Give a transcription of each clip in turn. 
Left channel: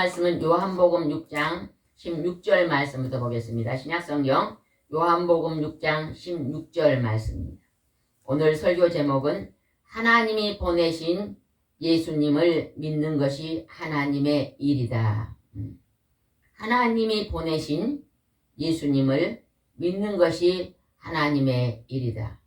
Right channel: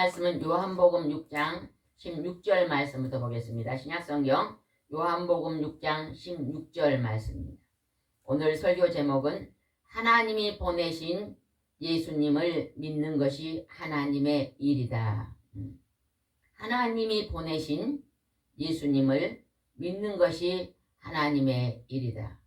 오늘은 요한복음 6장 16절 말씀부터 보겠습니다. 신약성경 요한복음 6장 16절 말씀입니다. 오늘 설교 제목은 하나님이 보내신 예수님을 믿는 것이 하나님의 일이다. 음. 하나님이 보내신 예수님을 믿는 것이 하나님의 일이다.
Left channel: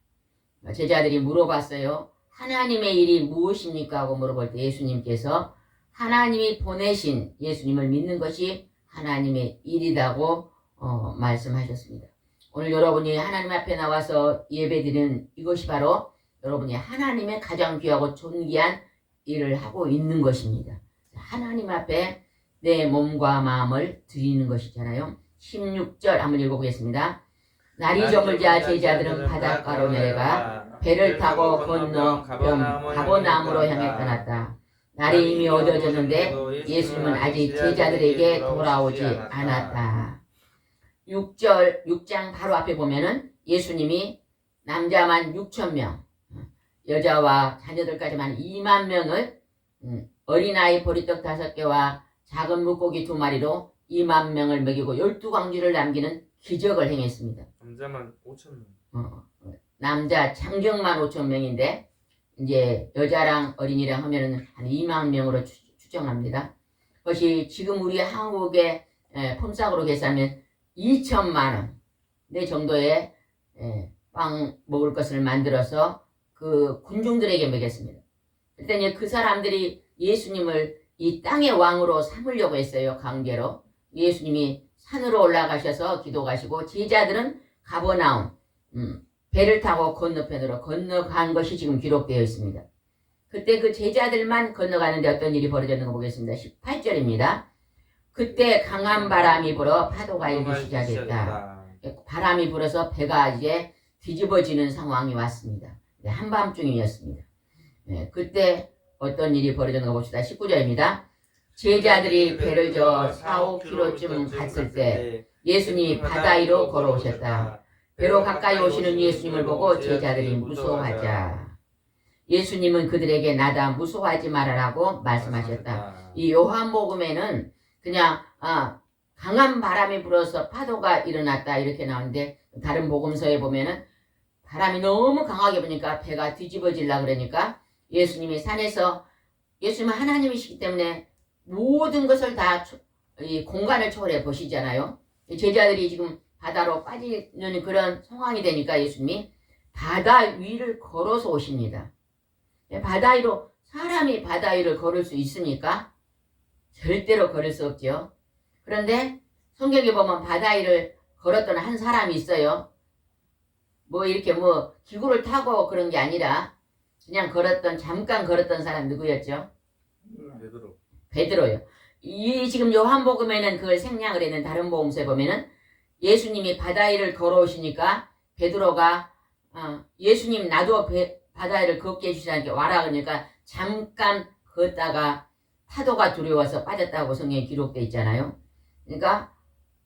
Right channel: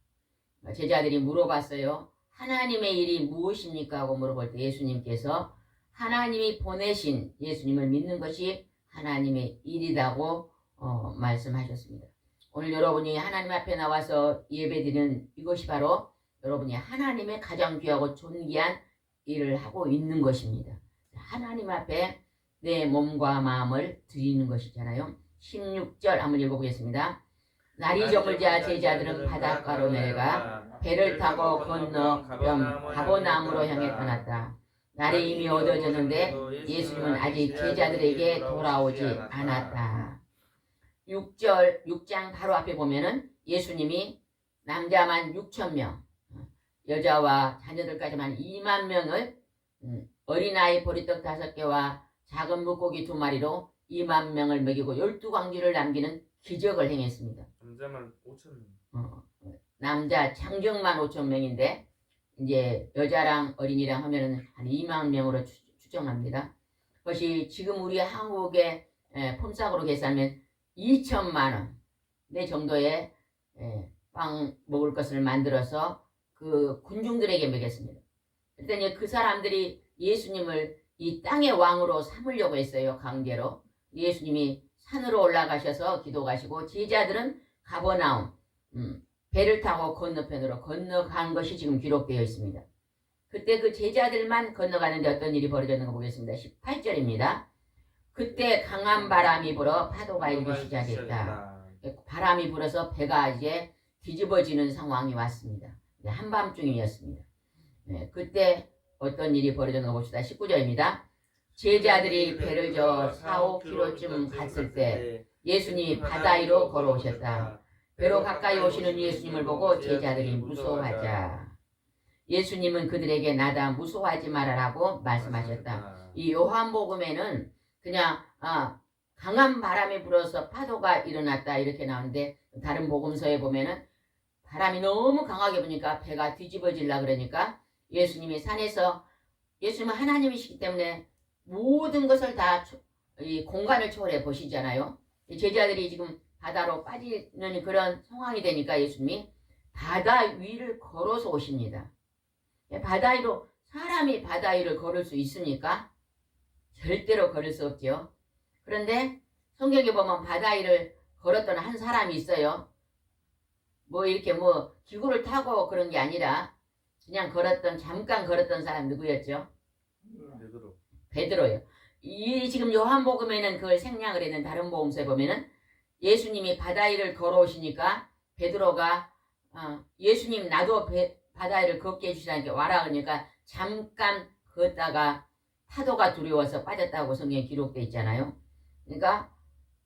제자들이 물어봤어요. 하나님의 일이 무엇입니까? 하고 물어볼 때 예수님께서 하나님이 보내신 예수님을 믿는 것이 하나님의 일이라고 어, 말씀하셨습니다. 오늘 여러분이 하나님 앞에 나와서 예배드리는 이것이 바로 여러분이 하나님의 가장 귀하고 존귀한 일을 하고 있는 것입니다. 하나님 앞에 내 몸과 마음을 드리는 것이잖아요. 16절 한번 읽어보겠습니다. 날이 저물자 제자들은 바닷가로 내려가 배를 타고 건너 가버나움으로 향해 떠났다. 날이 이미 어두워졌는데 예수님은 아직 제자들에게 돌아오지 않았다. 6절 6장 바로 앞에 보면은 예수님이 남자만 6천 명, 여자와 자녀들까지만 2만 명을 음, 어린아이 보리떡 다섯 개와 작은 물고기 두 마리로 2만 명을 먹이고 12광주를 남기는 기적을 행했습니다. 남자만 5천 명. 어, 남자 창정만 5천 명인데 이제 여자랑 어린이랑 하면은 한 2만 명으로 추, 추정합니다. 그것이 지금 우리 한국의 에, 폼싹으로 계산하면 2천만 원. 내 정도의 에, 빵 먹을 것을 만들어서 그 군중들에게 먹였습니다. 그랬더니 그 사람들이 예수님을 이 땅의 왕으로 삼으려고 했어요. 강제로. 예수님이 산으로 올라가셔서 기도가시고 제자들은 가버나움 음, 배를 타고 건너편으로 건너간 것이 지금 기록되어 있습니다. 그때 그 제자들만 건너가는데 어떤 일이 벌어졌는가 보겠습니다. 18절입니다. 그때 강한 바람이 불어 파도가 일기 시작했다. 바람이 불어서 배가 이제 뒤집어지는 상황이 왔습니다. 네, 한밤중이었습니다. 네, 그때 어떤 일이 벌어졌는가 봅시다. 19절입니다. 제자들이 배를 저 4, 5km쯤 갔을 때 예수님이 바다 위로 걸어오셨다. 배로 가까이 오시는 예수님을 보고 제자들이 무서워하자. 예수님은 그들에게 나다 무서워하지 말아라고 말씀하셨다. 이 요한복음에는 그냥 아, 강한 바람이 불어서 파도가 일어났다 이렇게 나오는데 다른 복음서에 보면은 바람이 너무 강하게 부니까 배가 뒤집어질라 그러니까 예수님이 산에서 예수님은 하나님이시기 때문에 모든 것을 다 이 공간을 초월해 보시잖아요. 제자들이 지금 바다로 빠지는 그런 상황이 되니까 예수님이 바다 위를 걸어서 오십니다. 바다 위로 사람이 바다 위를 걸을 수 있습니까? 절대로 걸을 수 없죠. 그런데 성경에 보면 바다 위를 걸었던 한 사람이 있어요. 뭐 이렇게 뭐 기구를 타고 그런 게 아니라 그냥 걸었던 잠깐 걸었던 사람 누구였죠? 베드로. 베드로요. 이 지금 요한복음에는 그걸 생략을 했는 다른 복음서에 보면은 예수님이 바다 위를 걸어오시니까 베드로가 어, 예수님 나도 배, 바다 위를 걷게 해주시라니까 와라 그러니까 잠깐 걷다가 파도가 두려워서 빠졌다고 성경에 기록돼 있잖아요. 그러니까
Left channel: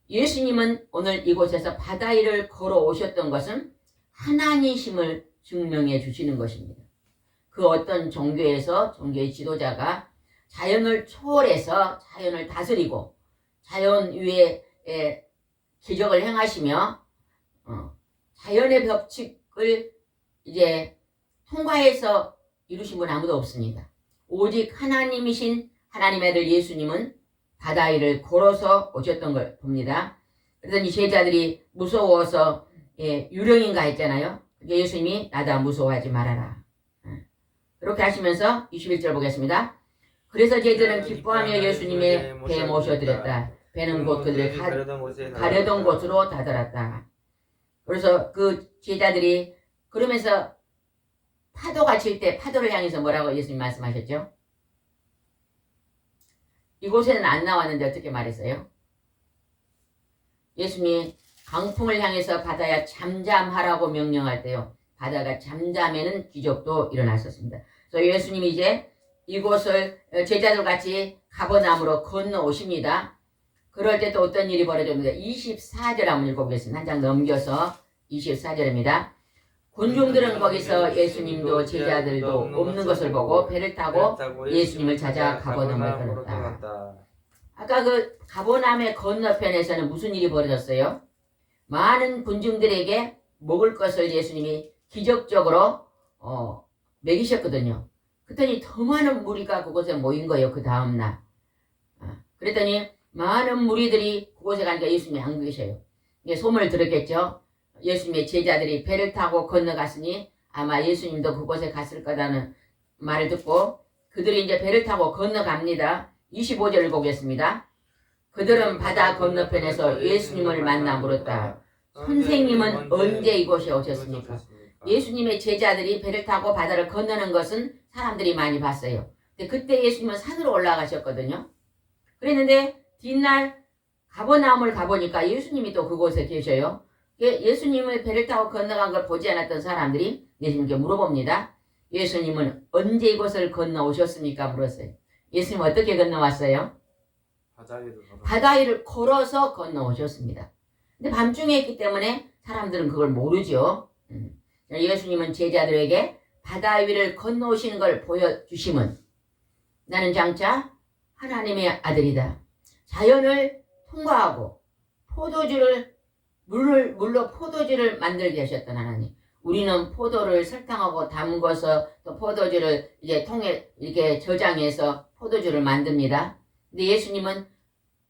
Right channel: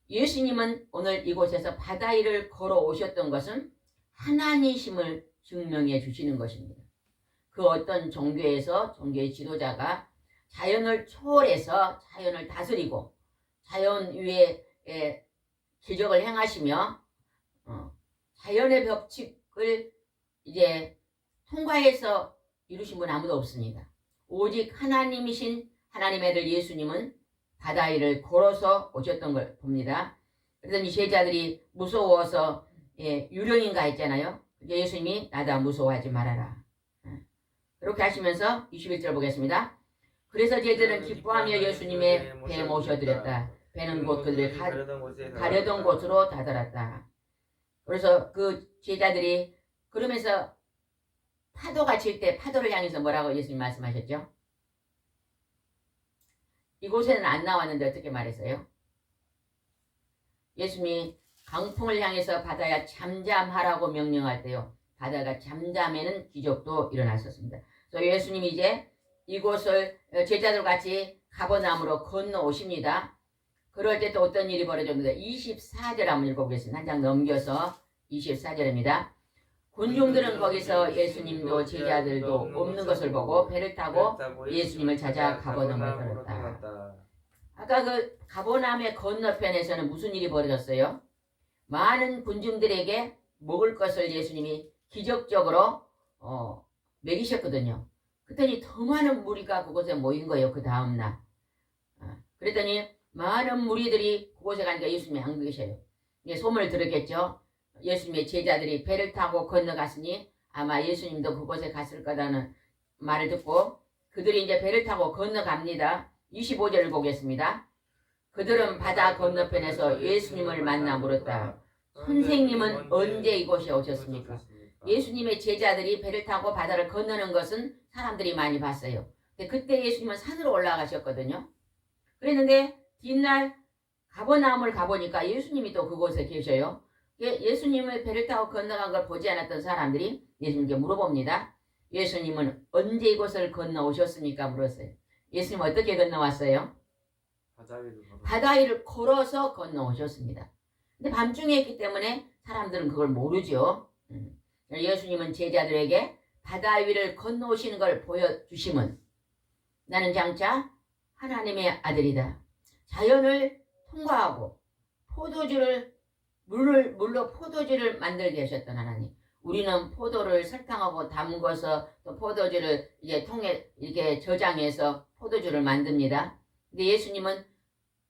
예수님은 오늘 이곳에서 바다 위를 걸어오셨던 것은 하나님심을 증명해 주시는 것입니다. 그 어떤 종교에서 종교의 지도자가 자연을 초월해서 자연을 다스리고 자연 위에 에, 기적을 행하시며 어, 자연의 법칙을 이제 통과해서 이루신 분 아무도 없습니다. 오직 하나님이신 하나님의 아들 예수님은 바다 위를 걸어서 오셨던 걸 봅니다. 그러더니 제자들이 무서워서 예, 유령인가 했잖아요. 예수님이 나다 무서워하지 말아라. 예. 그렇게 하시면서 21절 보겠습니다. 그래서 제자들은 기뻐하며 예수님의 배에 모셔드렸다. 배는 곧 그들을 가, 가려던 가려던 곳으로 다다랐다. 그래서 그 제자들이 그러면서 파도가 칠 때 파도를 향해서 뭐라고 예수님 말씀하셨죠? 이곳에는 안 나왔는데 어떻게 말했어요? 예수님이 강풍을 향해서 바다야 잠잠하라고 명령할 때요. 바다가 잠잠에는 기적도 일어났었습니다. 그래서 예수님이 이제 이곳을 제자들 같이 가버나무로 건너오십니다. 그럴 때 또 어떤 일이 벌어집니다. 24절 한번 읽어보겠습니다. 한 장 넘겨서 24절입니다. 군중들은 거기서 예수님도 제자들도 없는 것을 보고 배를 타고 예수님을 찾아 가버나움으로 떠났다. 아까 그 가보남의 건너편에서는 무슨 일이 벌어졌어요? 많은 군중들에게 먹을 것을 예수님이 기적적으로 어, 먹이셨거든요. 그랬더니 더 많은 무리가 그곳에 모인 거예요. 그 다음날. 아, 그랬더니 많은 무리들이 그곳에 가니까 예수님이 안 계셔요. 이게 소문을 들었겠죠. 예수님의 제자들이 배를 타고 건너갔으니 아마 예수님도 그곳에 갔을 거라는 말을 듣고 그들이 이제 배를 타고 건너갑니다. 25절을 보겠습니다. 그들은 바다 건너편에서 예수님을 만나 물었다. 선생님은 언제 이곳에 오셨습니까? 예수님의 제자들이 배를 타고 바다를 건너는 것은 사람들이 많이 봤어요. 근데 그때 예수님은 산으로 올라가셨거든요. 그랬는데 뒷날 가버나움을 가보니까 예수님이 또 그곳에 계셔요. 예- 예수님의 배를 타고 건너간 걸 보지 않았던 사람들이 예수님께 물어봅니다. 예수님은 언제 이곳을 건너오셨습니까? 물었어요. 예수님 어떻게 건너왔어요? 바다 위를 걸어. 걸어서 건너오셨습니다. 근데 밤중에 있기 때문에 사람들은 그걸 모르죠. 음. 예수님은 제자들에게 바다 위를 건너오시는 걸 보여주심은 나는 장차 하나님의 아들이다. 자연을 통과하고 포도주를 물을 물로 포도주를 만들게 하셨던 하나님. 우리는 포도를 설탕하고 담궈서 또 포도주를 이제 통에 이렇게 저장해서 포도주를 만듭니다. 근데 예수님은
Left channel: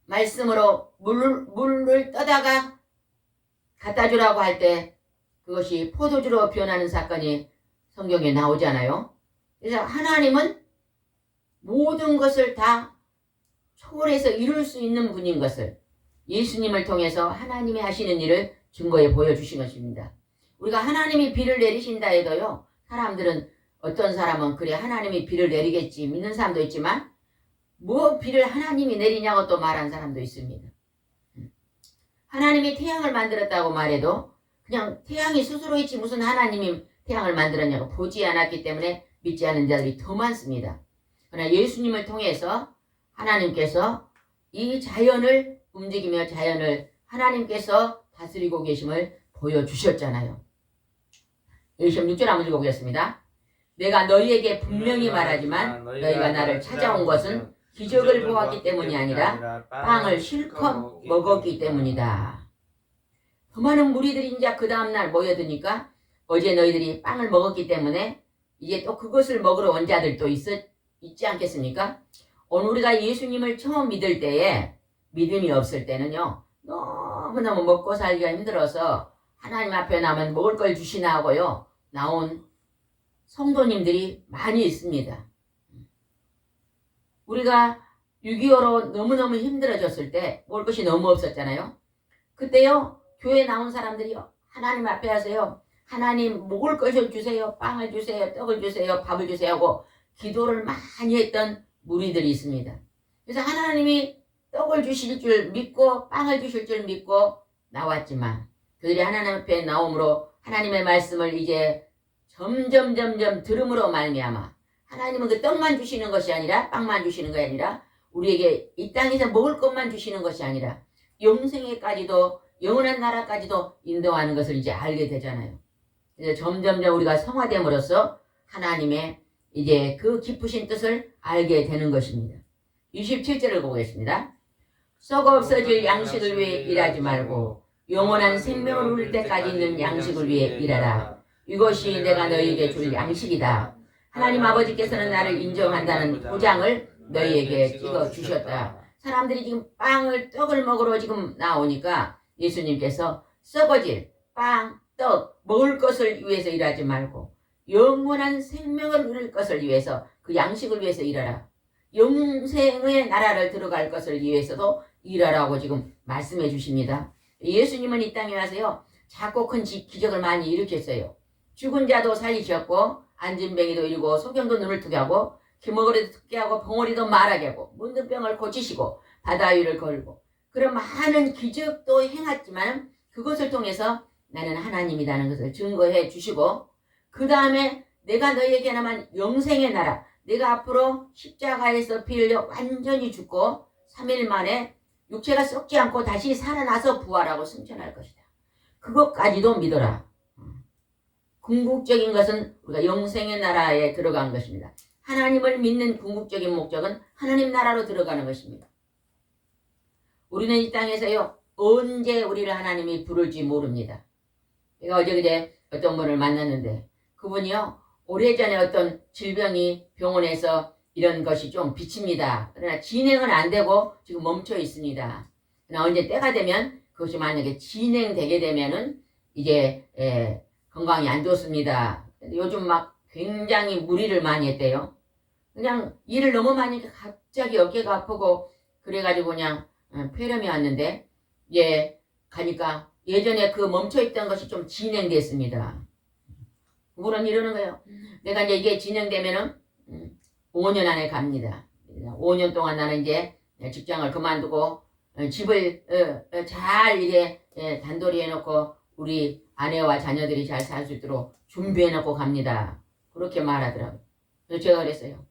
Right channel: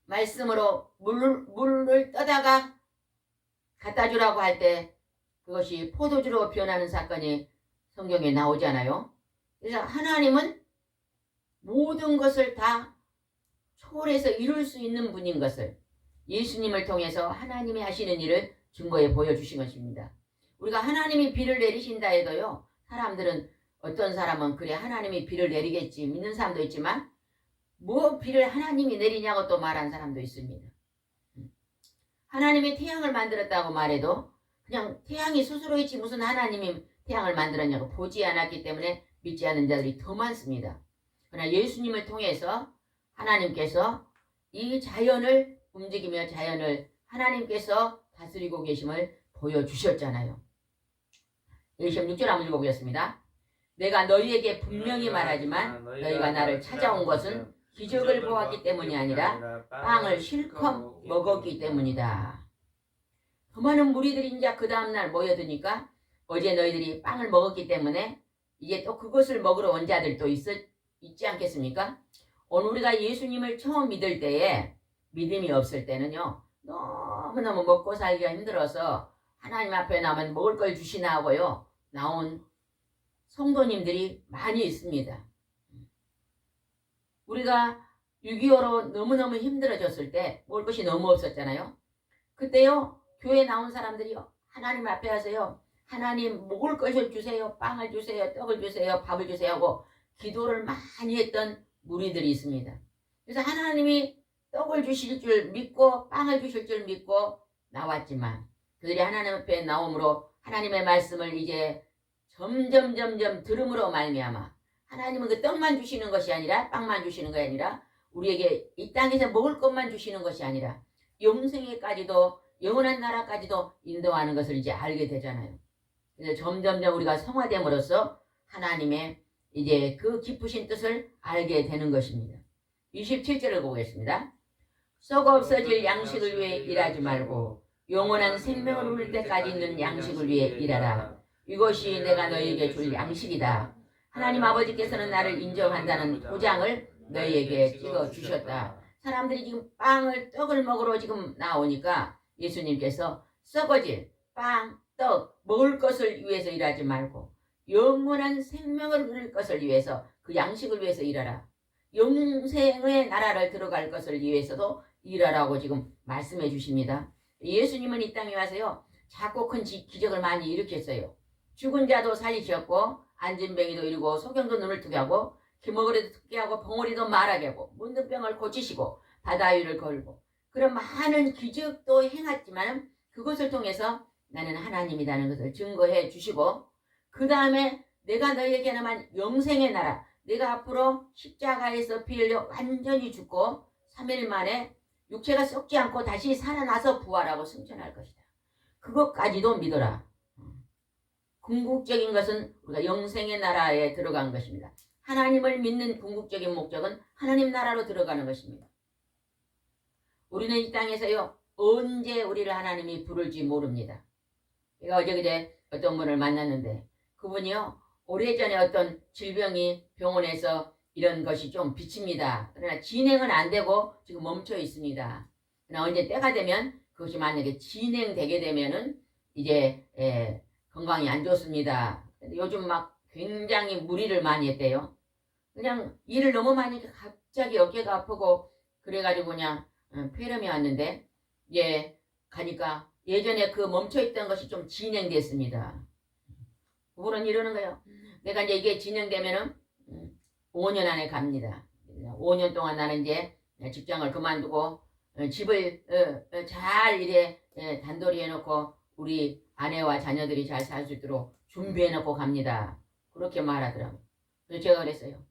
말씀으로 물을, 물을 떠다가 갖다 주라고 할 때 그것이 포도주로 변하는 사건이 성경에 나오잖아요. 그래서 하나님은 모든 것을 다 초월해서 이룰 수 있는 분인 것을 예수님을 통해서 하나님이 하시는 일을 증거해 보여주신 것입니다. 우리가 하나님이 비를 내리신다 해도요, 사람들은 어떤 사람은 그래 하나님이 비를 내리겠지 믿는 사람도 있지만 뭐 비를 하나님이 내리냐고 또 말한 사람도 있습니다. 하나님이 태양을 만들었다고 말해도 그냥 태양이 스스로 있지 무슨 하나님이 태양을 만들었냐고 보지 않았기 때문에 믿지 않는 자들이 더 많습니다. 그러나 예수님을 통해서 하나님께서 이 자연을 움직이며 자연을 하나님께서 다스리고 계심을 보여주셨잖아요. 26절 한번 읽어보겠습니다. 내가 너희에게 분명히 말하지만 너희가 나를 찾아온 것은 기적을 보았기 때문이 아니라 빵을 실컷 먹었기 때문이다. 더 많은 무리들이 이제 그 다음날 모여드니까 어제 너희들이 빵을 먹었기 때문에 이제 또 그것을 먹으러 온 자들도 있, 있지 않겠습니까? 오늘 우리가 예수님을 처음 믿을 때에 믿음이 없을 때는요 너무너무 먹고 살기가 힘들어서 하나님 앞에 나면 먹을 걸 주시나 하고요 나온 성도님들이 많이 있습니다. 우리가 6.25로 너무너무 힘들어졌을 때 먹을 것이 너무 없었잖아요. 그때요 교회 나온 사람들이요 하나님 앞에 하세요. 하나님 먹을 것을 주세요. 빵을 주세요. 떡을 주세요. 밥을 주세요 하고 기도를 많이 했던 무리들이 있습니다. 그래서 하나님이 떡을 주실 줄 믿고 빵을 주실 줄 믿고 나왔지만 그들이 하나님 앞에 나옴으로 하나님의 말씀을 이제 점점 점점 들음으로 말미암아 하나님은 그 떡만 주시는 것이 아니라 빵만 주시는 것이 아니라 우리에게 이 땅에서 먹을 것만 주시는 것이 아니라 영생에까지도 영원한 나라까지도 인도하는 것을 이제 알게 되잖아요. 그래서 점점점 우리가 성화됨으로써 하나님의 이제 그 깊으신 뜻을 알게 되는 것입니다. 27절을 보겠습니다. 썩어 없어질 양식을 위해 일하지 말고 영원한 생명을 누릴 때까지 있는 양식을 위해 일하라. 이것이 내가 너희에게 줄 양식이다. 하나님 아버지께서는 나를 인정한다는 보장을 너희에게 찍어 주셨다. 사람들이 지금 빵을 떡을 먹으러 지금 나오니까 예수님께서 썩어질 빵, 떡 먹을 것을 위해서 일하지 말고 영원한 생명을 누릴 것을 위해서 그 양식을 위해서 일하라. 영생의 나라를 들어갈 것을 위해서도 일하라고 지금 말씀해 주십니다. 예수님은 이 땅에 와서요. 작고 큰 지- 기적을 많이 일으켰어요. 죽은 자도 살리셨고 안진뱅이도 이루고 소경도 눈을 뜨게 하고 기머거리도 듣게 하고 봉오리도 말하게 하고 문든 병을 고치시고 바다 위를 걸고 그런 많은 기적도 행했지만 그것을 통해서 나는 하나님이라는 것을 증거해 주시고 그 다음에 내가 너희에게 나만 영생의 나라 내가 앞으로 십자가에서 피 흘려 완전히 죽고 3일 만에 육체가 썩지 않고 다시 살아나서 부활하고 승천할 것이다. 그것까지도 믿어라. 궁극적인 것은 우리가 영생의 나라에 들어간 것입니다. 하나님을 믿는 궁극적인 목적은 하나님 나라로 들어가는 것입니다. 우리는 이 땅에서요 언제 우리를 하나님이 부를지 모릅니다. 제가 어제 그제 어떤 분을 만났는데 그분이요 오래전에 어떤 질병이 병원에서 이런 것이 좀 비칩니다. 그러나 진행은 안 되고 지금 멈춰 있습니다. 그러나 언제 때가 되면 그것이 만약에 진행되게 되면은 이제 예, 건강이 안 좋습니다. 요즘 막 굉장히 무리를 많이 했대요. 그냥 일을 너무 많이 갑자기 어깨가 아프고 그래가지고 그냥 어, 폐렴이 왔는데 예 가니까 예전에 그 멈춰있던 것이 좀 진행됐습니다. 그분은 이러는 거예요. 내가 이제 이게 진행되면은 음, 5년 안에 갑니다. 5년 동안 나는 이제 직장을 그만두고 어, 집을 어, 어, 잘 이래 예, 단돌이 해놓고 우리 아내와 자녀들이 잘 살 수 있도록 준비해놓고 갑니다. 그렇게 말하더라고요. 그래서 제가 그랬어요.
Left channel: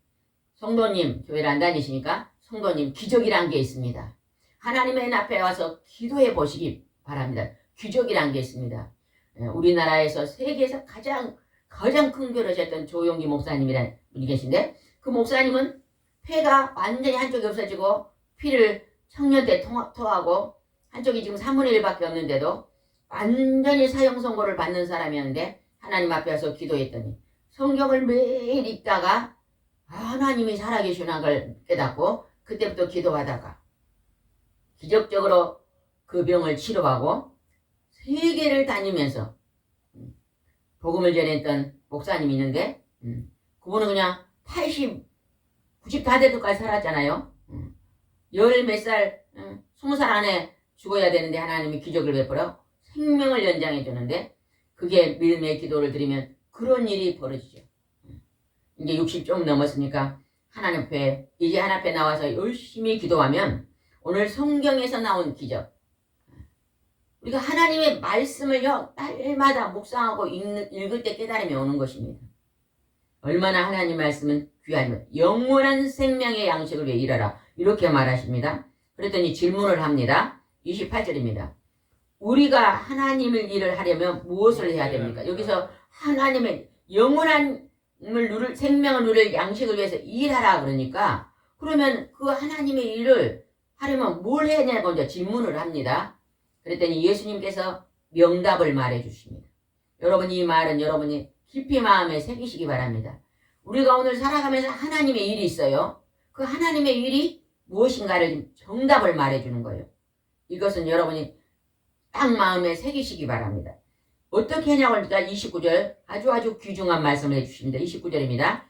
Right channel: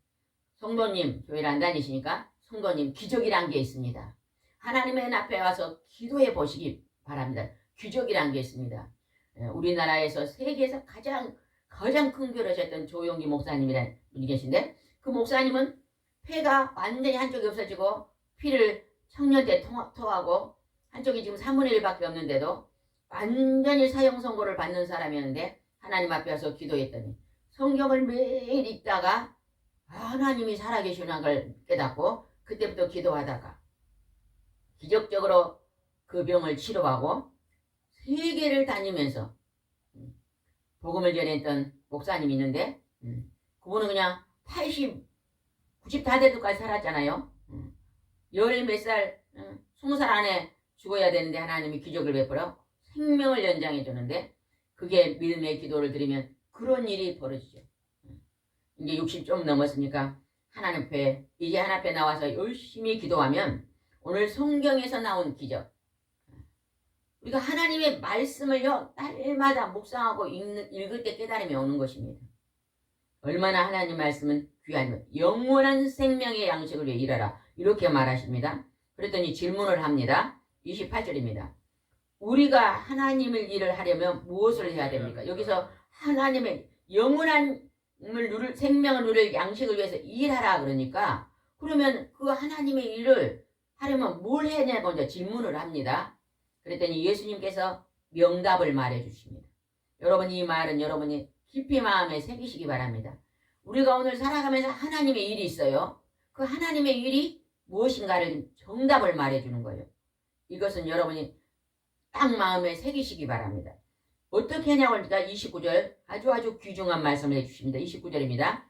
성도님 교회를 안 다니시니까 성도님 기적이란 게 있습니다. 하나님의 앞에 와서 기도해 보시기 바랍니다. 기적이란 게 있습니다. 예, 우리나라에서 세계에서 가장 가장 큰 교를 하셨던 조용기 목사님이라는 분이 계신데 그 목사님은 폐가 완전히 한쪽이 없어지고 피를 청년 때 토하고 한쪽이 지금 3분의 1밖에 없는데도 완전히 사형 선고를 받는 사람이었는데 하나님 앞에 와서 기도했더니 성경을 매일 읽다가 하나님이 살아계시는 걸 깨닫고 그때부터 기도하다가 기적적으로 그 병을 치료하고 세계를 다니면서 음, 복음을 전했던 목사님이 있는데 음, 그분은 그냥 80, 90 다 돼도까지 살았잖아요. 음, 열몇 살, 음, 20살 안에 죽어야 되는데 하나님이 기적을 베풀어 생명을 연장해 주는데 그게 믿음의 기도를 드리면 그런 일이 벌어지죠. 음, 이제 60 좀 넘었으니까 하나님 앞에 이제 하나님 앞에 나와서 열심히 기도하면 오늘 성경에서 나온 기적 우리가 하나님의 말씀을요 날마다 묵상하고 읽는, 읽을 때 깨달음이 오는 것입니다. 얼마나 하나님 말씀은 귀하면 영원한 생명의 양식을 위해 일하라 이렇게 말하십니다. 그랬더니 질문을 합니다. 28절입니다. 우리가 하나님을 일을 하려면 무엇을 해야 됩니까? 여기서 하나님의 영원한 을 누릴 생명을 누릴 양식을 위해서 일하라 그러니까 그러면 그 하나님의 일을 하려면 뭘 해야 되냐 먼저 질문을 합니다. 그랬더니 예수님께서 명답을 말해 주십니다. 여러분 이 말은 여러분이 깊이 마음에 새기시기 바랍니다. 우리가 오늘 살아가면서 하나님의 일이 있어요. 그 하나님의 일이 무엇인가를 정답을 말해 주는 거예요. 이것은 여러분이 딱 마음에 새기시기 바랍니다. 어떻게 하냐고 하니까 29절 아주 아주 귀중한 말씀을 해주십니다. 29절입니다.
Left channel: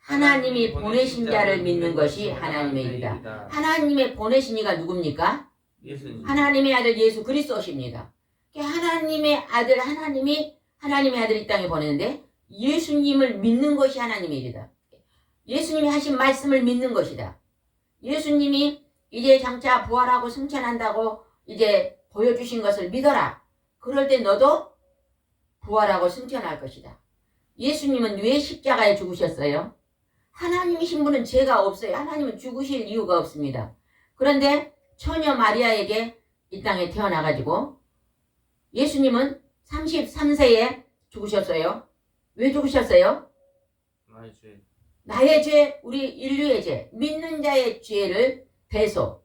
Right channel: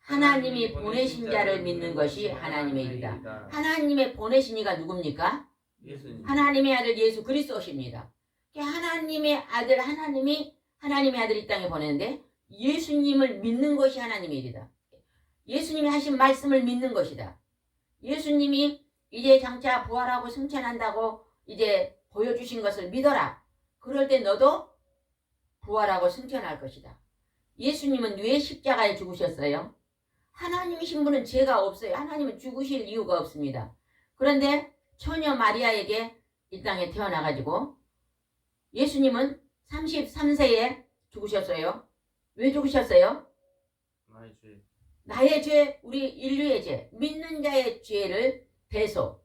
하나님이 보내신 자를 믿는 것이 하나님의 일이다. 하나님의 보내신 이가 누굽니까? 예수님. 하나님의 아들 예수 그리스도십니다. 하나님의 아들 하나님이 하나님의 아들 이 땅에 보내는데 예수님을 믿는 것이 하나님의 일이다. 예수님이 하신 말씀을 믿는 것이다. 예수님이 이제 장차 부활하고 승천한다고 이제 보여주신 것을 믿어라. 그럴 때 너도 부활하고 승천할 것이다. 예수님은 왜 십자가에 죽으셨어요? 하나님이신 분은 죄가 없어요. 하나님은 죽으실 이유가 없습니다. 그런데 처녀 마리아에게 이 땅에 태어나가지고 예수님은 33세에 죽으셨어요. 왜 죽으셨어요? 나의 죄. 나의 죄, 우리 인류의 죄, 믿는 자의 죄를 대소,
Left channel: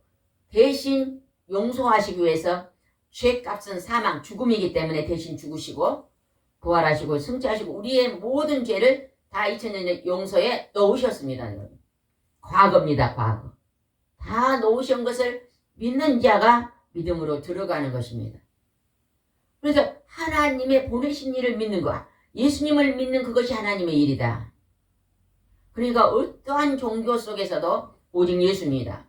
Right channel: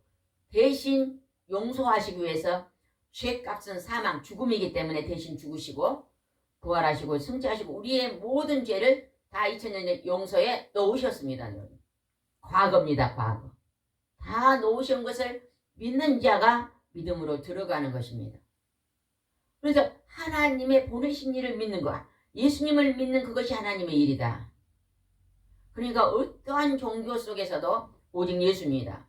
대신 용서하시기 위해서 죄값은 사망, 죽음이기 때문에 대신 죽으시고 부활하시고 승천하시고 우리의 모든 죄를 다 2000년 용서에 넣으셨습니다. 과거입니다. 과거. 다 놓으신 것을 믿는 자가 믿음으로 들어가는 것입니다. 그래서 하나님의 보내신 일을 믿는 것, 예수님을 믿는 그것이 하나님의 일이다. 그러니까 어떠한 종교 속에서도 오직 예수입니다.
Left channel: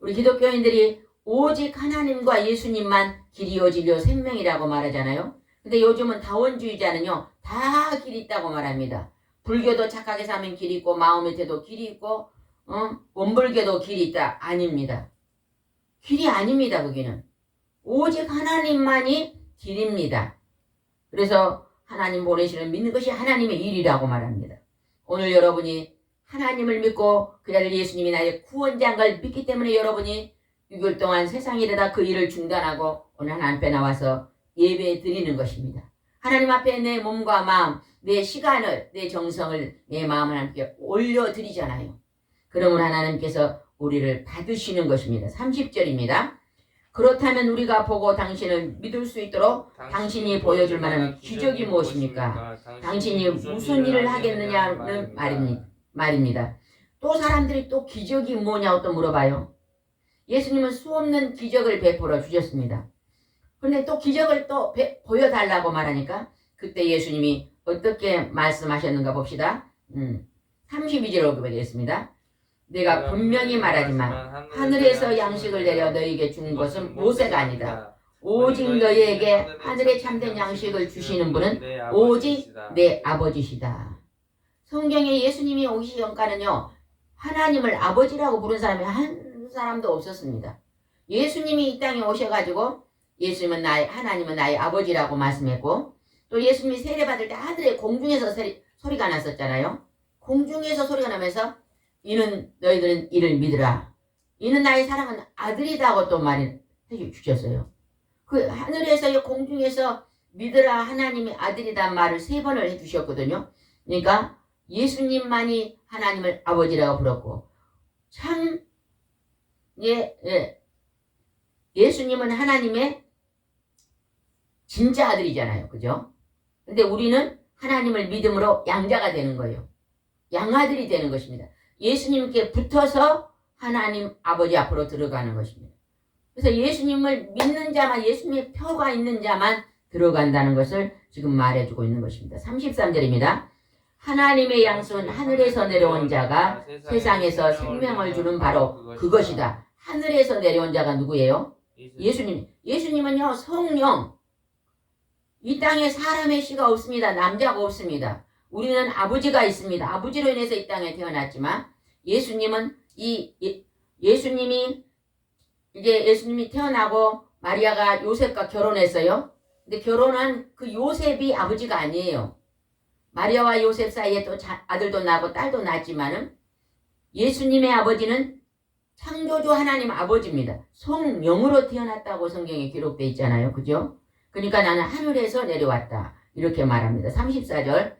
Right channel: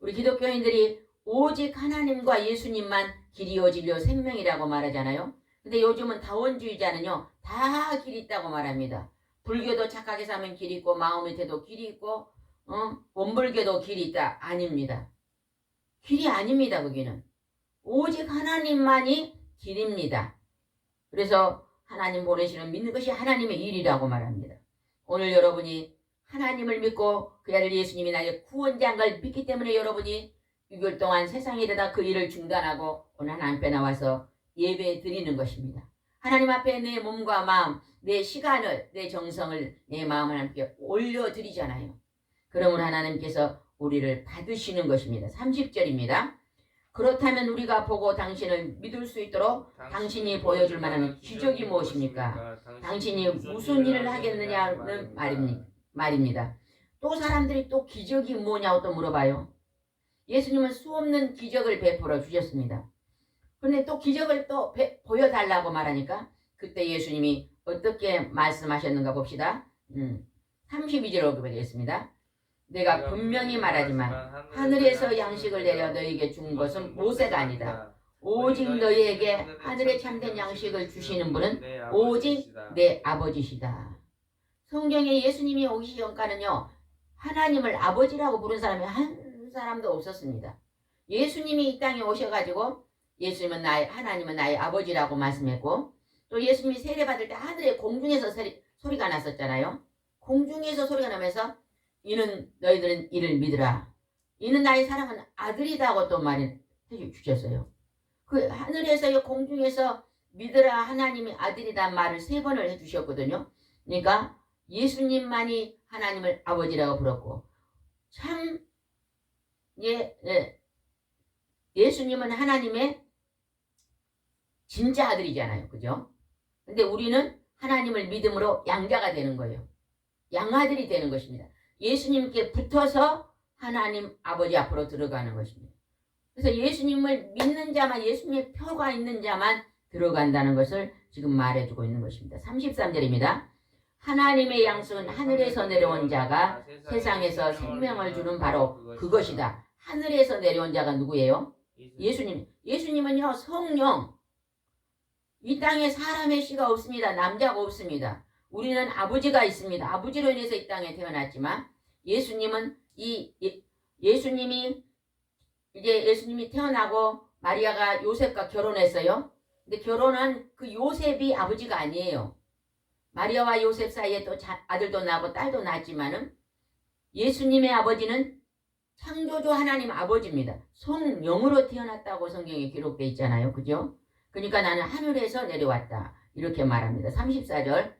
우리 기독교인들이 오직 하나님과 예수님만 길이요 진료 생명이라고 말하잖아요. 근데 요즘은 다원주의자는요 다 길이 있다고 말합니다. 불교도 착하게 사면 길이 있고 마음의 태도 길이 있고 어? 원불교도 길이 있다 아닙니다. 길이 아닙니다 거기는 오직 하나님만이 길입니다. 그래서 하나님 보내시는 믿는 것이 하나님의 일이라고 말합니다. 오늘 여러분이 하나님을 믿고 그 아들 예수님이 나의 구원자인 걸 믿기 때문에 여러분이 6개월 동안 세상에 이르다 그 일을 중단하고 오늘 하나님 앞에 나와서 예배 드리는 것입니다. 하나님 앞에 내 몸과 마음, 내 시간을, 내 정성을, 내 마음을 함께 올려드리잖아요. 그러면 하나님께서 우리를 받으시는 것입니다. 30절입니다. 그렇다면 우리가 보고 당신을 믿을 수 있도록 당신이 보여줄 만한 기적이 무엇입니까? 당신이 무슨 일을 하겠느냐는 말입니다. 말입니다. 또 사람들이 또 기적이 뭐냐고 또 물어봐요. 예수님은 수없는 기적을 베풀어 주셨습니다. 그런데 또 기적을 또 배- 보여달라고 말하니까 그때 예수님이 어떻게 말씀하셨는가 봅시다. 음, 32절로 보겠습니다. 내가 분명히 말하지만 하늘에서 양식을 내려 너희에게 준 것은 모세가 아니다. 오직 너희에게 하늘에 참된 양식을 주시는 분은 오직 내 아버지시다. 성경에 예수님이 오시기 전까는요, 하나님을 아버지라고 부른 사람이 한 사람도 없었습니다. 예수님이 이 땅에 오셔가지고, 예수님은 나의, 하나님은 나의 아버지라고 말씀했고, 또 예수님이 세례받을 때 하늘에 공중에서 소리, 소리가 났었잖아요. 공중에서 소리가 나면서, 이는 너희들은 이를 믿으라. 이는 나의 사랑하는 아들이다고 또 말해 주셨어요. 그 하늘에서 이 공중에서 믿으라 하나님이 아들이란 말을 세 번을 해주셨거든요. 그러니까 예수님만이 하나님을 아버지라고 불렀고 참 예, 예. 예수님은 하나님의 진짜 아들이잖아요. 그죠? 근데 우리는 하나님을 믿음으로 양자가 되는 거예요. 양아들이 되는 것입니다. 예수님께 붙어서 하나님 아버지 앞으로 들어가는 것입니다. 그래서 예수님을 믿는 자만 예수님의 표가 있는 자만 들어간다는 것을 지금 말해주고 있는 것입니다. 33절입니다. 하나님의 양식은 하늘에서 내려온 자가 세상에서 생명을 주는 바로 그것이다. 하늘에서 내려온 자가 누구예요? 예수님. 예수님은요, 성령. 이 땅에 사람의 씨가 없습니다. 남자가 없습니다. 우리는 아버지가 있습니다. 아버지로 인해서 이 땅에 태어났지만 예수님은 이 예- 예수님이 이제 예수님이 태어나고 마리아가 요셉과 결혼했어요. 근데 결혼한 그 요셉이 아버지가 아니에요. 마리아와 요셉 사이에 또 자- 아들도 낳고 딸도 낳았지만은 예수님의 아버지는 창조주 하나님 아버지입니다. 성령으로 태어났다고 성경에 기록되어 있잖아요. 그죠? 그러니까 나는 하늘에서 내려왔다. 이렇게 말합니다. 34절.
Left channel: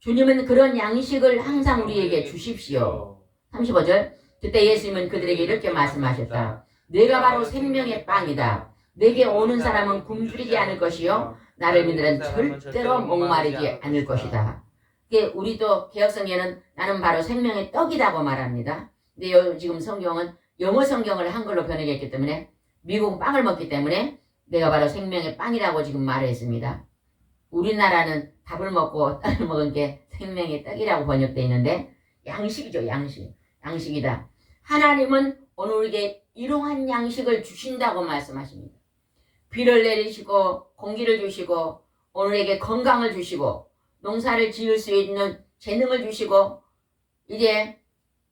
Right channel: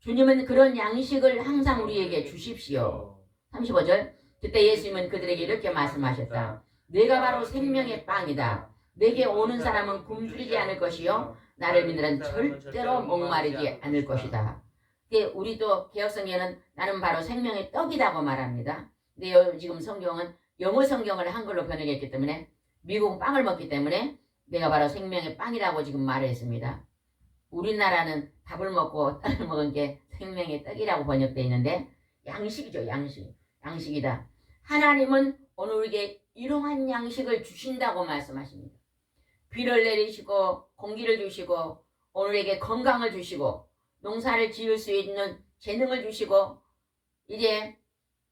주님은 그런 양식을 항상 우리에게 주십시오. 35절. 그때 예수님은 그들에게 이렇게 말씀하셨다. 내가 바로 생명의 빵이다. 내게 오는 사람은 굶주리지 않을 것이요. 나를 믿으는 절대로 목마르지 않을 것이다. 우리도 개혁성경에는 나는 바로 생명의 떡이라고 말합니다. 근데 요- 지금 성경은 영어 성경을 한글로 번역했기 때문에 미국 빵을 먹기 때문에 내가 바로 생명의 빵이라고 지금 말을 했습니다. 우리나라는 밥을 먹고 떡을 먹은 게 생명의 떡이라고 번역되어 있는데 양식이죠 양식 양식이다. 하나님은 오늘 우리에게 일용한 양식을 주신다고 말씀하십니다. 비를 내리시고 공기를 주시고 오늘에게 건강을 주시고 농사를 지을 수 있는 재능을 주시고 이제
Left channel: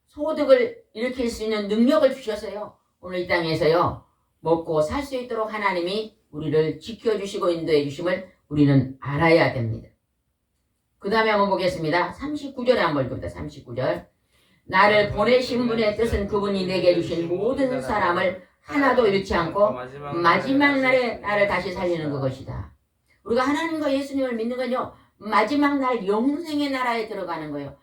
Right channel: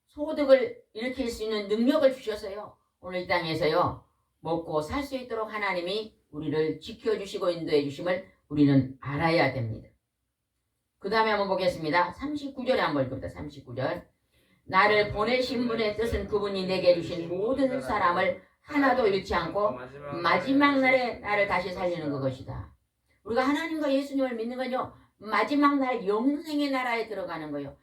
소득을 일으킬 수 있는 능력을 주셨어요. 오늘 이 땅에서요. 먹고 살 수 있도록 하나님이 우리를 지켜주시고 인도해 주심을 우리는 알아야 됩니다. 그 다음에 한번 보겠습니다. 39절에 한번 봅니다. 39절. 나를 보내신 분의 뜻은 그분이 내게 주신 모든 사람을 하나도 잃지 않고 마지막 날에 나를 다시 살리는 그것이다. 우리가 하나님과 예수님을 믿는 건요. 마지막 날 영생의 나라에 들어가는 거예요.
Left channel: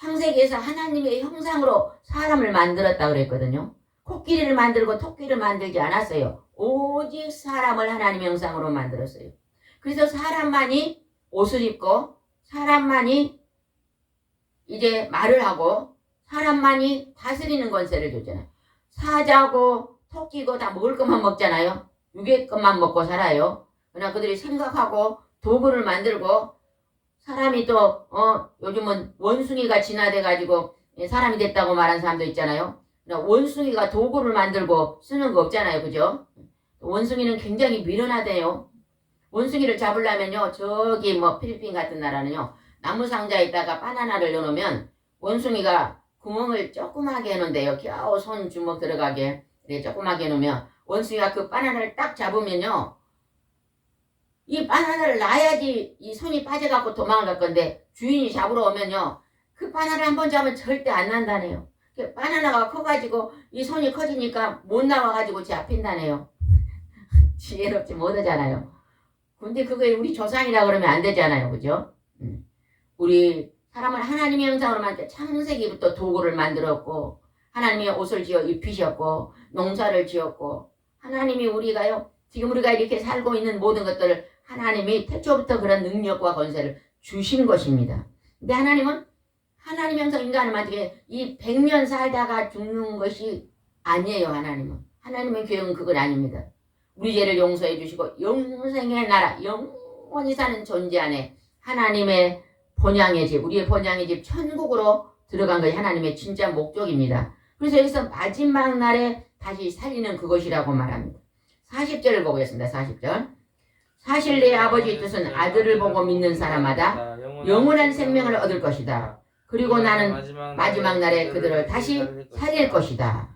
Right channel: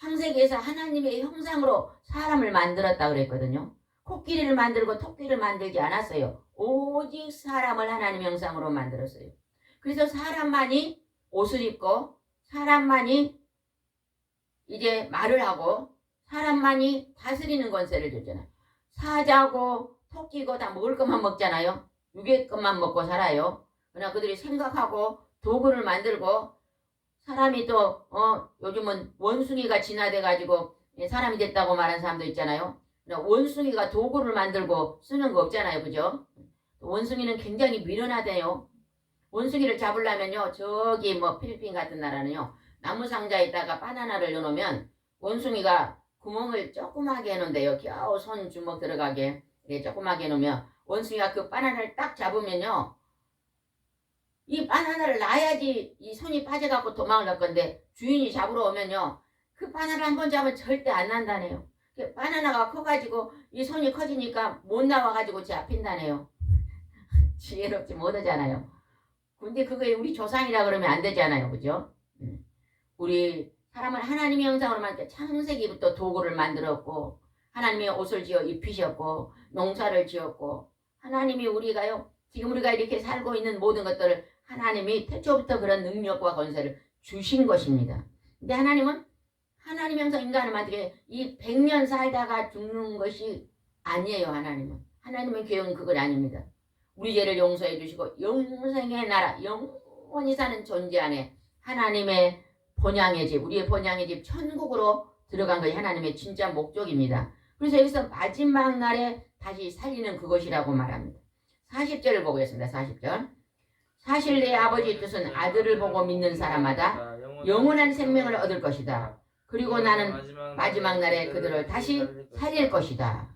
창세기에서 하나님의 형상으로 사람을 만들었다 그랬거든요. 코끼리를 만들고 토끼를 만들지 않았어요. 오직 사람을 하나님의 형상으로 만들었어요. 그래서 사람만이 옷을 입고 사람만이 이제 말을 하고 사람만이 다스리는 권세를 줬잖아요. 사자고 토끼고 다 먹을 것만 먹잖아요. 육의 것만 먹고 살아요. 그러나 그들이 생각하고 도구를 만들고 사람이 또 어, 요즘은 원숭이가 진화돼 가지고 사람이 됐다고 말하는 사람도 있잖아요. 원숭이가 도구를 만들고 쓰는 거 없잖아요. 그죠? 원숭이는 굉장히 미련하대요. 원숭이를 잡으려면요. 저기 뭐 필리핀 같은 나라는요. 나무 상자에다가 바나나를 넣어놓으면 원숭이가 구멍을 조그맣게 해놓은데요. 겨우 손 주먹 들어가게 이렇게 조그맣게 해놓으면 원숭이가 그 바나나를 딱 잡으면요. 이 바나나를 놔야지 이 손이 빠져갖고 도망을 갈 건데 주인이 잡으러 오면요. 그 바나나 한 번 잡으면 절대 안 난다네요. 그 바나나가 커가지고 이 손이 커지니까 못 나와가지고 잡힌다네요. 지혜롭지 못하잖아요. 근데 그게 우리 조상이라 그러면 안 되잖아요. 그죠? 음. 우리 사람을 하나님의 형상으로 만들 창세기부터 도구를 만들었고 하나님이 옷을 지어 입히셨고 농사를 지었고 하나님이 우리가요 지금 우리가 이렇게 살고 있는 모든 것들을 하나님이 태초부터 그런 능력과 권세를 주신 것입니다. 근데 하나님은 하나님 형성 인간을 만들게 이 백년 살다가 죽는 것이 아니에요 하나님은 하나님의 계획은 그건 아닙니다. 우리 죄를 용서해 주시고 영생의 나라 영원히 사는 존재 안에 하나님의 본향의 집 우리의 본향의 집 천국으로 들어간 것이 하나님의 진짜 목적입니다. 그래서 여기서 마지막 날에 다시 살리는 그것이라고 말합니다. 40절을 보겠습니다. 40절. 사실 내 아버지의 뜻은 아들을 보고 믿는 사람마다 영원한 생명을 얻을 것이다. 그리고 나는 마지막 날에 그들을 다시 살릴 것이다.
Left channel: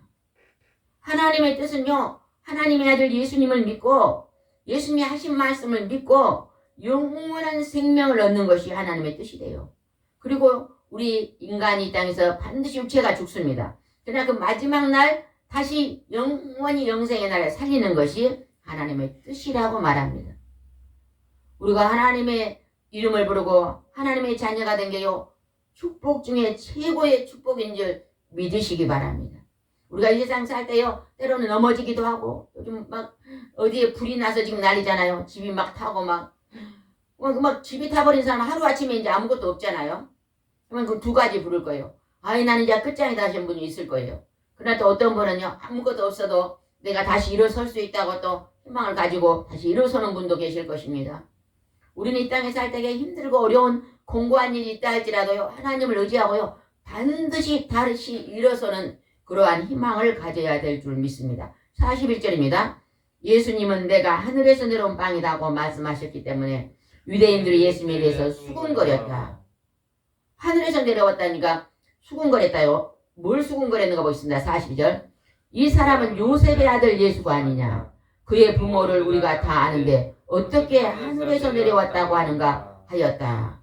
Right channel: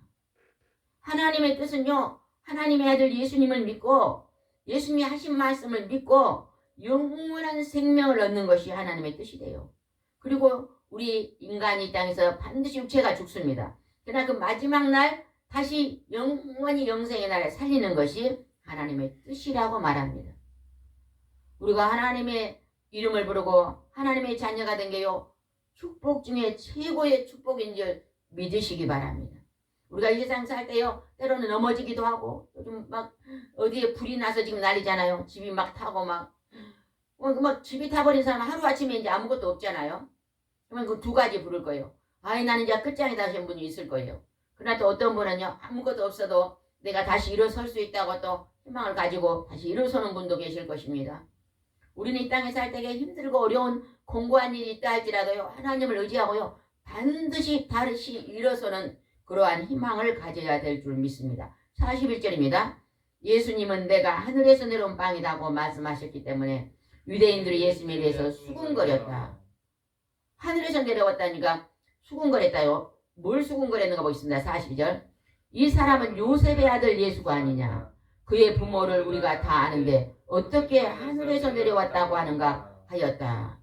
하나님의 뜻은요, 하나님의 아들 예수님을 믿고 예수님이 하신 말씀을 믿고 영원한 생명을 얻는 것이 하나님의 뜻이래요. 그리고 우리 인간이 이 땅에서 반드시 육체가 죽습니다. 그러나 그 마지막 날 다시 영원히 영생의 날에 살리는 것이 하나님의 뜻이라고 말합니다. 우리가 하나님의 이름을 부르고 하나님의 자녀가 된 게요. 축복 중에 최고의 축복인 줄 믿으시기 바랍니다. 우리가 이 세상 살 때요, 때로는 넘어지기도 하고, 요즘 막 어디에 불이 나서 지금 난리잖아요. 집이 막 타고 막, 어, 막 집이 타버린 사람 하루아침에 이제 아무것도 없잖아요. 그러면 그 두 가지 부를 거예요. 아이, 나는 이제 끝장이다 하신 분이 있을 거예요. 그러나 또 어떤 분은요, 아무것도 없어도 내가 다시 일어설 수 있다고 또 희망을 가지고 다시 일어서는 분도 계실 것입니다. 우리는 이 땅에 살 때에 힘들고 어려운 공고한 일이 있다 할지라도요, 하나님을 의지하고요, 반드시 다시 일어서는 그러한 희망을 가져야 될 줄 믿습니다. 41절입니다. 예수님은 내가 하늘에서 내려온 빵이라고 말씀하셨기 때문에 유대인들이 예수님에 대해서 수군거렸다. 하늘에서 내려왔다니까 수군거렸다요. 뭘 수군거렸는가 보겠습니다. 42절. 이 사람은 요셉의 아들 예수가 아니냐. 그의 부모를 우리가 다 아는데 어떻게 하늘에서 내려왔다고 하는가 하였다.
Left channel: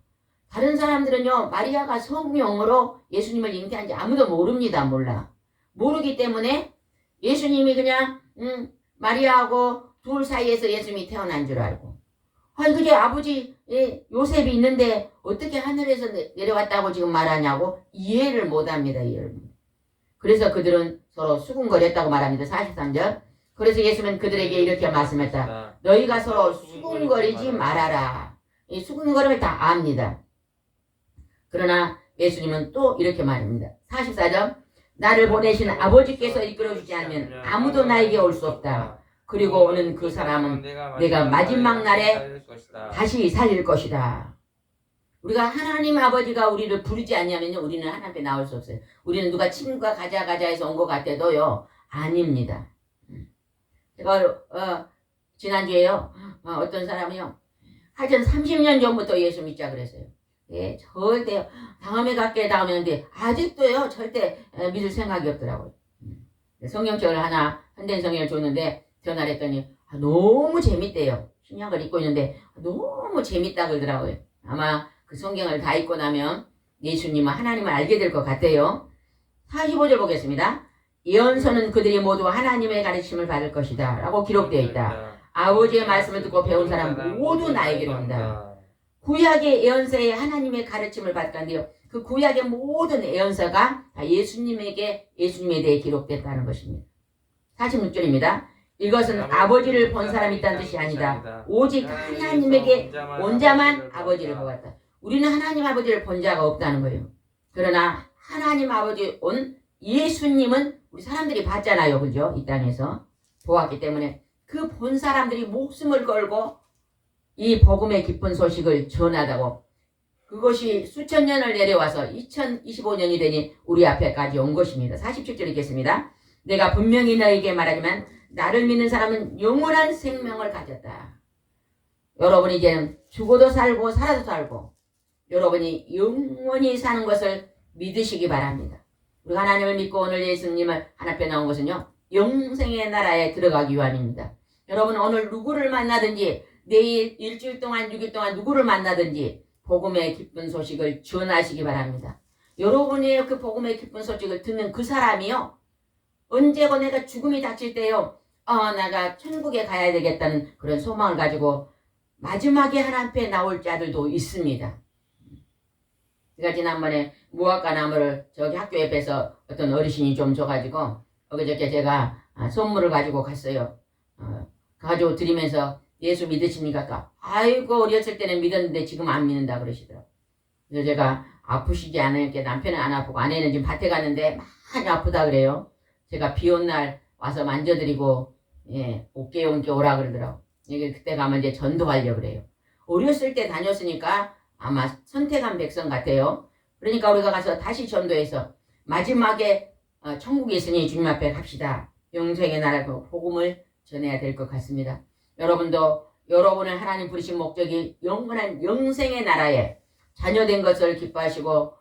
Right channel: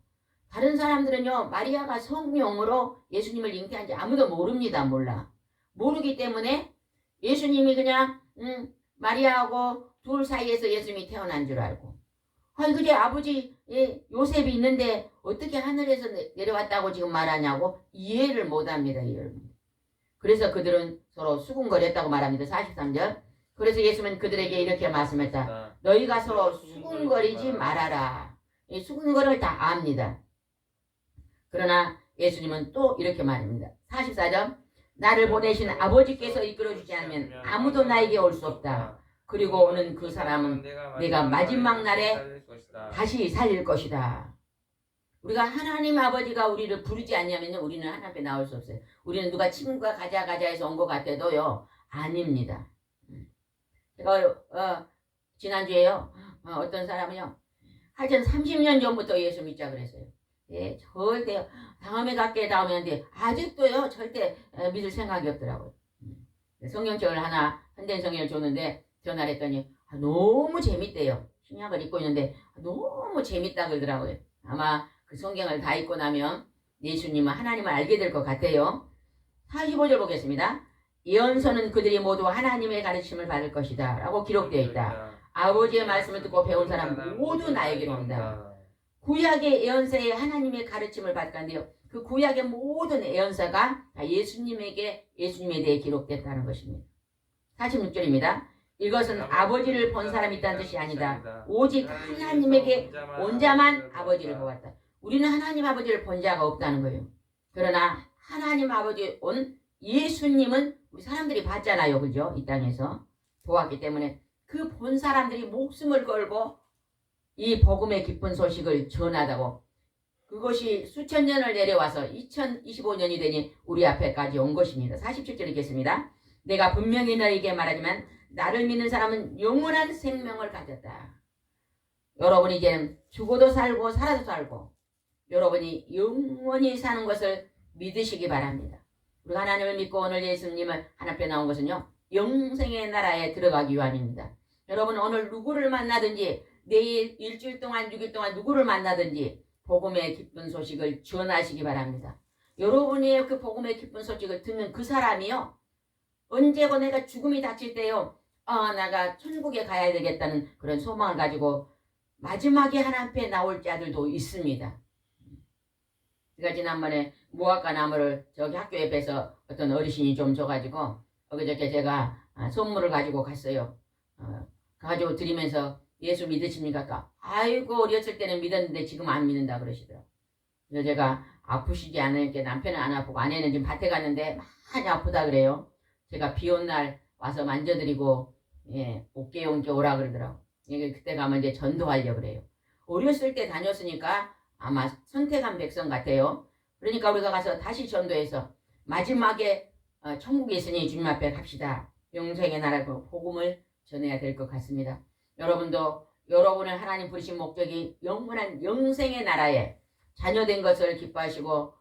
다른 사람들은요, 마리아가 성령으로 예수님을 잉태한지 아무도 모릅니다. 몰라. 모르기 때문에 예수님이 그냥, 음, 마리아하고 둘 사이에서 예수님이 태어난 줄 알고. 그게 아버지, 예, 요셉이 있는데 어떻게 하늘에서 내- 내려왔다고 지금 말하냐고 이해를 못 합니다. 이해를. 못. 그래서 그들은 서로 수군거렸다고 말합니다. 43절. 그래서 예수님은 그들에게 이렇게 말씀했다. 너희가 서로 수군거리지 말아라. 이 수군거림을 다 압니다. 그러나 예수님은 또 이렇게 말합니다. 44절. 나를 보내신 아버지께서 이끌어주지 않으면 아무도 나에게 올 수 없다. 그리고 오는 그 사람은 내가 마지막 날에 다시 살릴 것이다. 우리가 하나님 아버지가 우리를 부르지 않냐면 우리는 하나님 앞에 나올 수 없어요. 우리는 누가 친구가 가자 가자 해서 온 것 같아도요. 아닙니다. 음. 제가 어, 지난주에요. 어, 어떤 사람이요. 하여튼 30년 전부터 예수 믿자 그랬어요. 예, 절대 다음에 갈게 다음에 하는데 아직도요 절대 에, 믿을 생각이 없더라고요. 음. 성경책을 하나 현대 성경을 줬는데 전화를 했더니 아, 너무 재밌대요. 신약을 읽고 있는데 너무 재밌다 그러더라고요. 아마 그 성경을 다 읽고 나면 예수님은 하나님을 알게 될 것 같아요. 45절 보겠습니다. 예언서는 그들이 모두 하나님의 가르침을 받을 것이다. 라고 기록되어 있다. 아버지의 말씀을 듣고 배운 사람 모두 나에게로 온다. 구약의 예언서에 하나님의 가르침을 받던데요. 그 구약의 모든 예언서가 다 예수님에게 예수님에 대해 기록됐다는 것입니다. 46절입니다. 이것은 아버지를 본 사람이 있다는 뜻이 아니다. 오직 하나님에게 온 자만 아버지를 보았다. 우리는 하나님 아버지를 본 자가 없다는 거예요. 그러나 하나님 아버지 온 예수님은 우리 사람들이 봤잖아요. 그죠? 이 땅에서 보았기 때문에 그 본 사람들이 목숨을 걸고 이 복음의 기쁜 소식을 전하다고 그것이 수천 년을 내려와서 2025년이 되니 우리 앞에까지 온 것입니다. 47절 읽겠습니다. 내가 분명히 너에게 말하지만 나를 믿는 사람은 영원한 생명을 가졌다. 여러분이 이제 죽어도 살고 살아도 살고 여러분이 영원히 사는 것을 믿으시기 바랍니다. 우리가 하나님을 믿고 오늘 예수님을 하나님께 나온 것은요. 영생의 나라에 들어가기 위함입니다. 여러분 오늘 누구를 만나든지 내일 일주일 동안 6일 동안 누구를 만나든지 복음의 기쁜 소식을 전하시기 바랍니다. 여러분이 그 복음의 기쁜 소식을 듣는 그 사람이요. 언제고 내가 죽음이 닥칠 때요. 아, 내가 천국에 가야 되겠다는 그런 소망을 가지고 마지막에 하나님 앞에 나올 자들도 있습니다. 제가 지난번에 무화과 나무를 저기 학교 옆에서 어떤 어르신이 좀 줘가지고 엊그저께 제가 아, 선물을 가지고 갔어요. 어, 가지고 드리면서 예수 믿으십니까? 아이고 어렸을 때는 믿었는데 지금 안 믿는다 그러시더라고. 그래서 제가 아프시지 않으니까 남편은 안 아프고 아내는 지금 밭에 갔는데 많이 아프다 그래요. 제가 비 온 날 와서 만져드리고 예, 어깨 온게 오라 그러더라고. 이게 그때 가면 이제 전도하려 그래요. 어렸을 때 다녔으니까 아마 선택한 백성 같아요. 그러니까 우리가 가서 다시 전도해서 마지막에 어, 천국에 있으니 주님 앞에 갑시다. 영생의 나라 그 복음을 전해야 될 것 같습니다. 여러분도 여러분을 하나님 부르신 목적이 영원한 영생의 나라에 자녀된 것을 기뻐하시고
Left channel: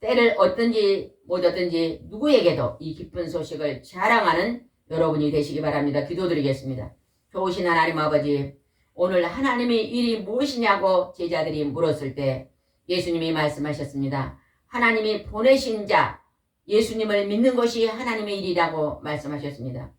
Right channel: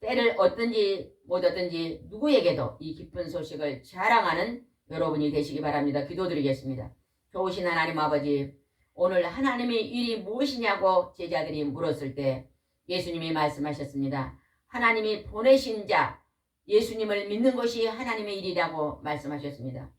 때를 얻든지 못 얻든지 누구에게도 이 기쁜 소식을 자랑하는 여러분이 되시기 바랍니다. 기도드리겠습니다. 좋으신 하나님 아버지 오늘 하나님의 일이 무엇이냐고 제자들이 물었을 때 예수님이 말씀하셨습니다. 하나님이 보내신 자 예수님을 믿는 것이 하나님의 일이라고 말씀하셨습니다.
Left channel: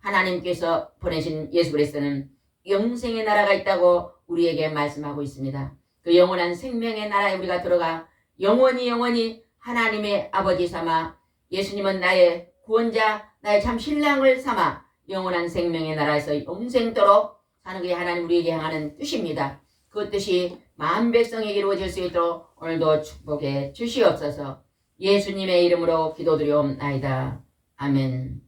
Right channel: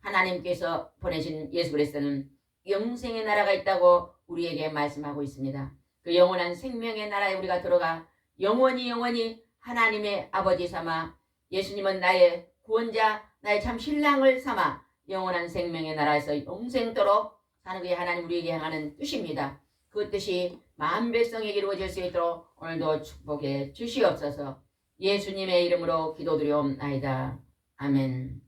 하나님께서 보내신 예수 그리스도는 영생의 나라가 있다고 우리에게 말씀하고 있습니다. 그 영원한 생명의 나라에 우리가 들어가 영원히 영원히 하나님의 아버지 삼아 예수님은 나의 구원자 나의 참 신랑을 삼아 영원한 생명의 나라에서 영생토록 사는 게 하나님 우리에게 향하는 뜻입니다. 그 뜻이 만 백성에게 이루어질 수 있도록 오늘도 축복해 주시옵소서 예수님의 이름으로 기도드리옵나이다. 아멘